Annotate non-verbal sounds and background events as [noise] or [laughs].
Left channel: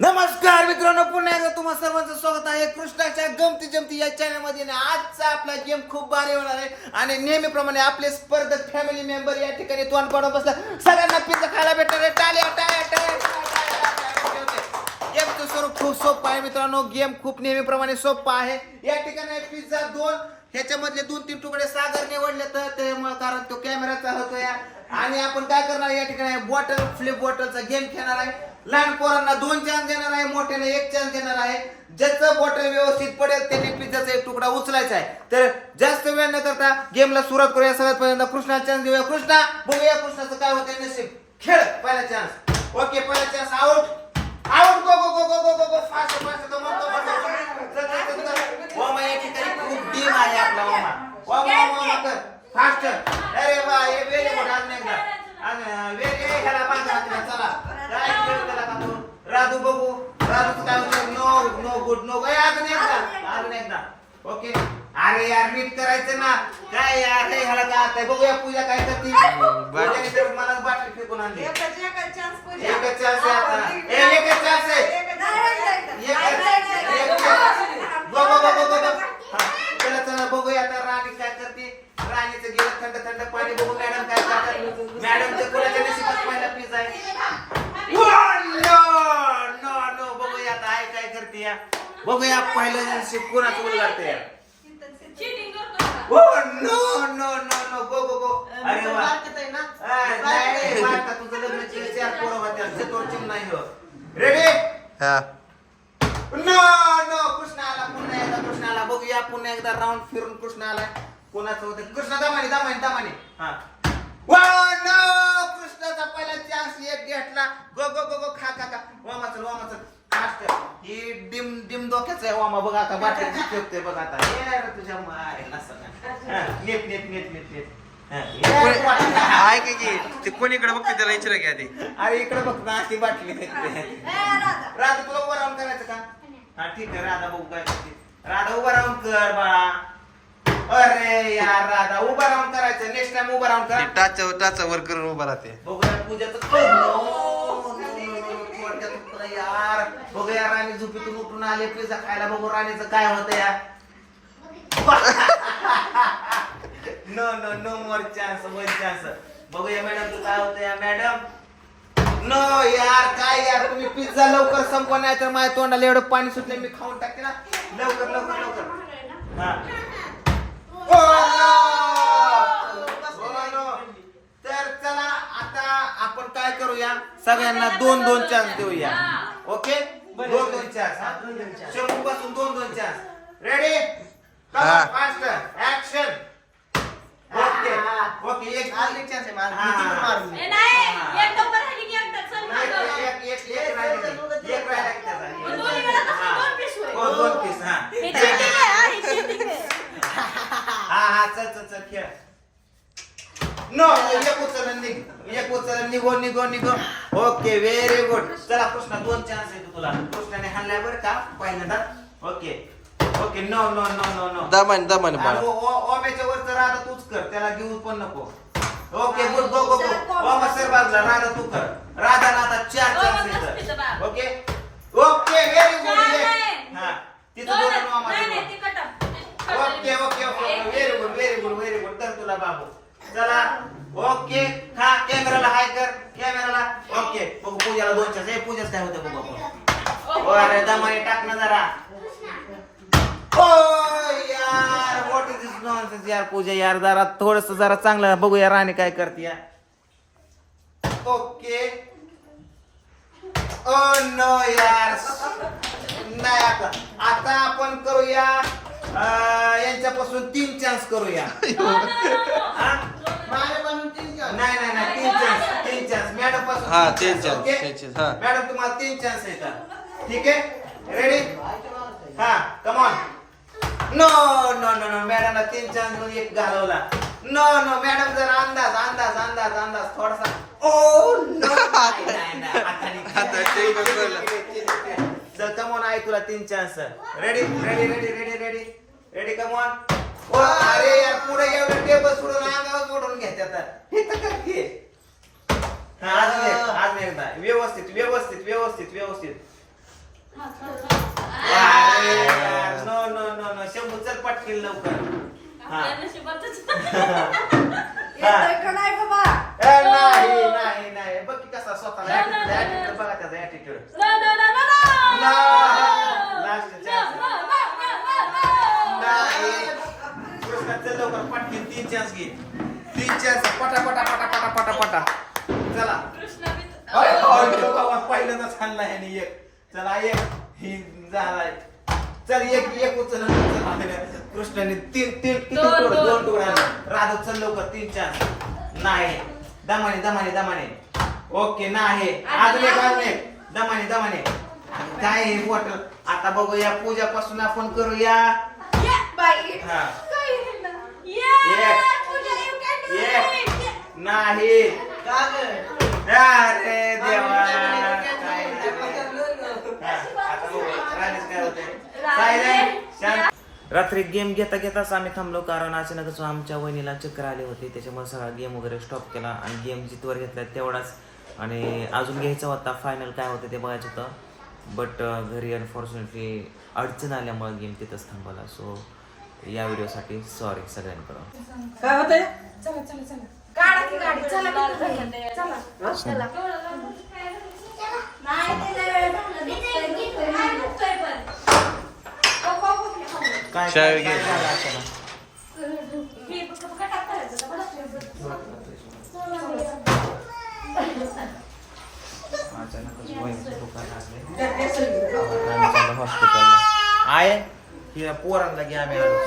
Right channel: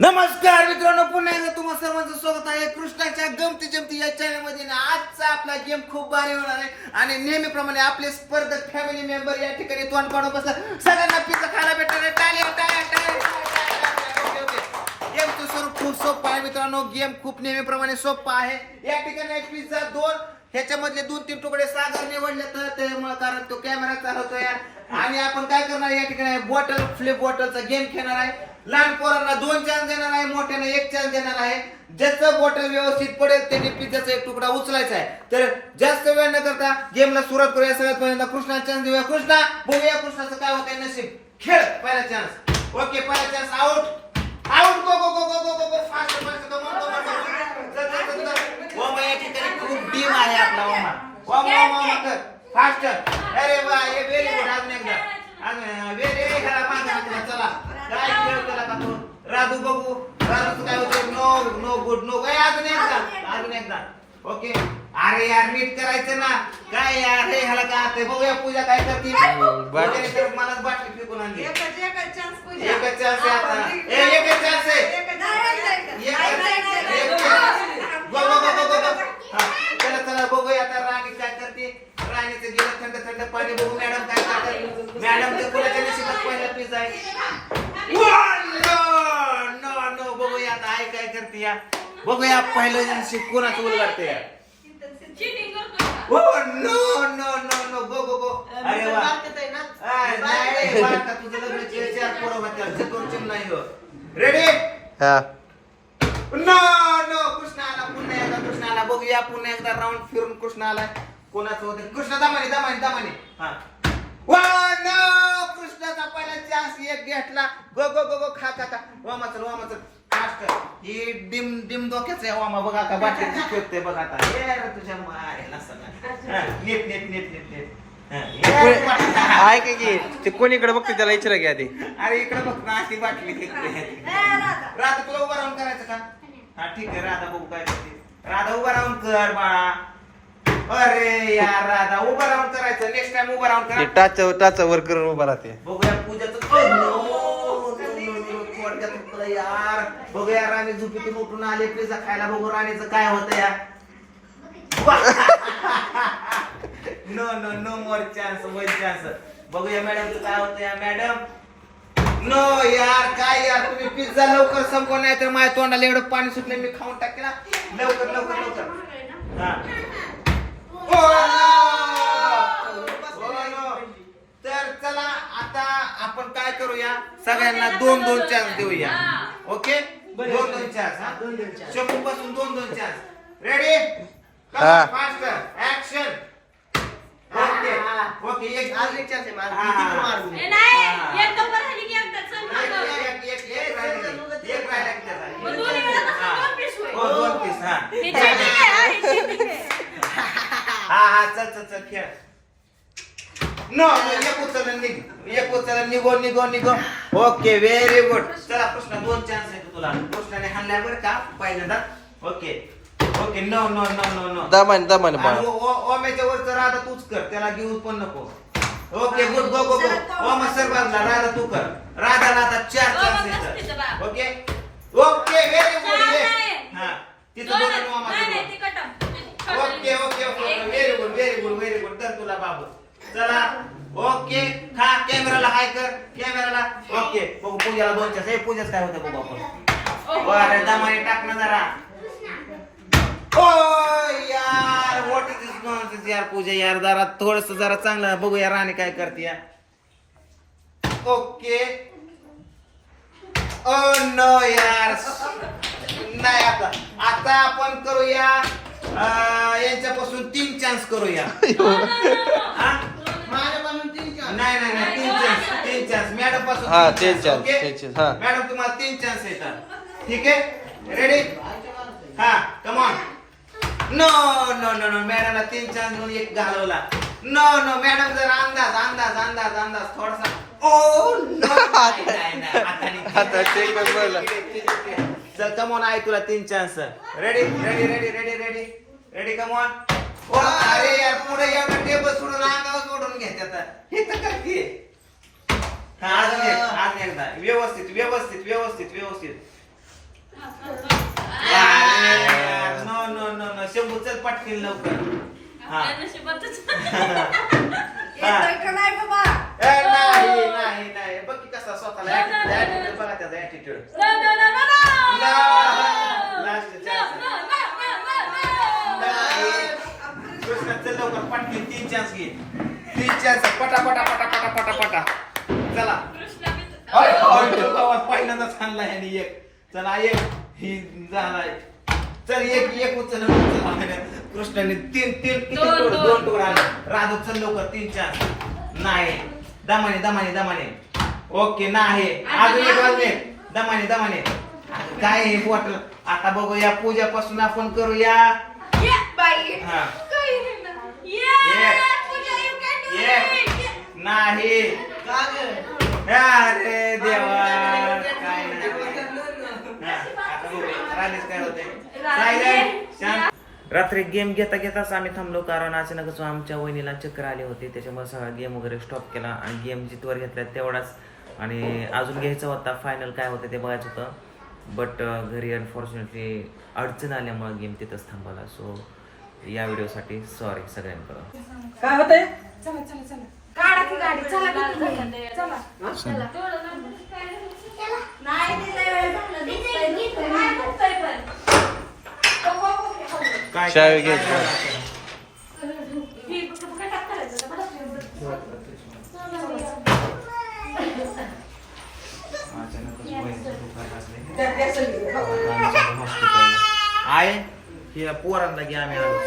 नमस्कार मित्रांनो पुन्हा एकदा तुम्हा सर्वांचं स्वागत आहे. कृष्णाच्या गमती जमती या चॅनलमध्ये ना आजचा आपला गेम खूप भारी होणार आहे. आणि नेहमीप्रमाणे आपले स्पर्धक फॅमिली मेंबर या ठिकाणी तोंड पाडून बसला. सगळ्यांना पिझ्झा खायला भेटणार आहे. टाळ्या, टाळ्या, टाळ्या, गेमचं स्वरूप खूप सोपं आहे मित्रांनो. गेम खूप नेहमीप्रमाणे सोपं आहे. या ठिकाणी पिझ्झा दोन. ह्याच्यामधले दोन तीन तुकडे सागर निवडले तर ते कारण तो कॅमेरा चालतोय आणि आपण काय करणार या ठिकाणी बॉटल फ्लिप बॉटलचा गेम खेळणार आहे. लहान पोरांना दोन चान्स देणार आहे मोठ्याने एक चान्स देणार आहे. ज्याचं बॉटल व्यवस्थित पडेल त्याने पिझ्झाचा एक तुकडा उचलायचा आहे. तर जास्त वेळ न करता गेमला सुरुवात करूया. सगळ्यात पहिल्यांदा कृष्णा चान्स देऊया. कृष्णा बघूया कृष्णाचं काय होतंय नशीब. खेळ पहिला चान्स ओके पहिला chance out out go go go go go go go fast fast go go go ओमा या खूप टीम आहे आपला ओमा ओमा ओमा कर फास्ट अरे वा हे वेरी गुड अजून एकदा. व्हेरी खरा पाहिजे चला. काय केला का तू? राधू बघू. राधूचं काय होतं? नो नो गुड नो काय अजून एकदा अजून एकदा. ओके अरे यार नीट करायचं ना. काय यार हे ह्याला काय आता बघूया पूजा काय करते. पूजाने तर मलाच बाटली फेकून आणली. एकच एकच chance पूजा. एकच chance आहे आता. ए, एकच chance आहे. एकच chance. एक- एक- गो, गो, गो, गो, गो, गो. हा, चला चला बघूया आता राणी काय करते राणीचं गेलं थंड थंड पाणी बघू मॅडम काय करतात मॅडम ते कुणाच्या नशिबात पहिला पिझ्झा आहे नो नो नो बघूया आता आई काय करते या? बघूया पहिलं नशीब कुणाचं उलगडते या. करतोय? हो no no no no go go go अरे वा. भारतात आहे ना? आ, नाही रे, बाळका, तुझं लग्न केलं चार पोरं होत्या. चतुर्थीम नाही हो. रेडी हा. नो नो कृष्ण आला पुन्हा एकदा कृष्ण आला बघूया. पुन्हा एकदा राऊंड फिरून कृष्ण आला कोणाचं होतं? कृष्ण दमाने दमाने दमाने. हा. वा नो कृष्णाचा पहिला चान्स एक घेतला. गो गो गो गो खा खा खा. वामा चल वामा चल फास्ट ही डिम डिम डोक्याचं आहे वामा बघ आता बाटली फिरते बघ आता. ये रे तुझ्या सगळं हा, नीट नीट नीट नीट नीट. हा. ऐक की ते कोणीकडे बघते त्याला विचारा की आधी अरे इकडे बघ ना अशी बाटली ए, राधा. तुला उभं राहून करायचं का? हा ठीक आहे राधा बघू काय करते. राधा उभं राहून कर बाळा. अरे यार राधा उभं राहून करायचं. नेक्स्ट टाइम उभं राहून ते कर. टाच टाच वर करून उभा राहते. बघूया पूजाचं कर. नो, नो, यार बघूया राणी झोपेतून उठून आले पिझ्झा खायला बघू राणीचं काय होतं यार no no no more chance one chance बघूया मॅडमचं काय होतं या मॅडम नो यार काय यार तुम्ही पिझ्झा लवकर संपवा नाही तर माझ्या तोंडाला एवढं पाणी सुटले मी खाऊन टाकेन. लवकर लवकर लवकर. हा. Oh, तर चला आता आपण काय करूया? सगळ्यांना दोन दोन चान्स देऊया. ओके दोन दोन चान्स शंभू पासून दोन दोन chance ready. Fast action okay okay एक अजून chance आहे माझा. हा. किती मारू? ए, नाही, एक राहिली. होईल? हो. हा. हा [laughs] चल चल चल खेळ. नो एक उचल निघ एक उचल निघो निघो निघो ओके व्हेरी गुड चला कृष्णा दोन चान्स आहे तुला कृष्णाने हाणल्या बरं का पहिल्यांदा okay okay no no no no no दमाने दमाने बाळा ओमेच्या वरचं राधा तूच कर त्याला घेऊ पण नको okay good go go go ओमा सर राधा तू कर राधा राधा चार chance. Okay okay very good चार नाही. हा तिथं दोन दोन आहेत. ओमा नाही, नाही, तिथं. ते cut off. Okay okay okay very good very good very good तर तुला बाबू चला. ओके. हा कॅमेराला हाय कर. कॅमेराला. ओके. बघू पूजाला दोन हे पूजाच काय होतं बघू आपण. अरे दमाने टाक ना जरा. ओ यार. व्हॉट इज दिस नॉनसेन्स यार पूजा? यार जरा थोडस जरा चांगलं बघू यार राणी काय करते यार ओके. ओ नो यार. नाही आता आता आपण करूया अं, यांच्यापासून तीन चान्स करूया [laughs] हा? माझ्यापासून तीन chance. नाही नाही नाही तीन चान्स तीन चान्स मॅडमपासून हा, तीन तीन chance, chance, okay? तीन chance, हा. मॅडम तुम्हाला तीन चान्स येतात. ठीक आहे? रेडी हा come on no no no no मॅडमला तीन चान्समध्ये एक घालवला. नो नो मॅडम जर अंदाज अंदाज अंदाज अंदाज थोडासा. ओ आता करून बोलला. चल कमॉन आहे तुला तीन chance ready ready ready ready ready ready come on ओ अरे यार पुढे एवढं टेबल सोडून अंगावर सोडून घेत आता. हे तर करते. अजून एक अजून एकदा. व्यवस्थित व्यवस्थित व्यवस्थित व्यवस्थित. No no no no Shambhu चल पटकीन लवकर. हा. येतोय का नाही बाबा ए, नाही नाही नाही. बघ की कसा स्वतःला attitude- attitude बघा त्याचा attitude. No, no, no, chance पटा पटा पटा पटा पटा पटा. चला. पहिल्यांदाच हाणला ह्याने एक. चला एक. ही झालाय. चल एक एक उचल चला कृष्णाने तीन तीन किती दोन, दोन. टोळ आले राधव चल लवकर. तीन चार. नाही. दमाने दमाने दमाने. ओके नाही. अजून एक अजून एक दमाने दमाने. काय हे बॉटल आता बघूया पूजापासून आपण करूया. हा. काय हे ना? Yeah. नाही. का ग? अरे देवा काय नाही रात्री गेम घेता घेताच आम्ही थांबलो कारण अचानकच आमच्या वहिनीला चक्कर आले होते. त्याच्यामुळे सगळा गेम वगैरे स्टॉप केला आणि गेम जितवर घेतला तेवढाच. आणि अजून घ्यायचा होता फायनल काय होतं ते बघायचं होतं. बट घरी अनफॉर्च्युनेटली अडचण आल्यामुळे गेम तिथंच थांबवला. सो या व्हिडिओसाठी सॉरी सगळ्यांकडं. काय होतंय? काढा की गाडी चला की तुम्ही. चला. नाही, तिला एवढं झालं. दिसतंय, दिसतंय. नाही दिसतंय पण. हो, हो, हो, हो. काय चावी घ्यायची. मी फक्त कटाक करायचं का? बरं. आहे ही पोरांना घ्या आम्ही आलो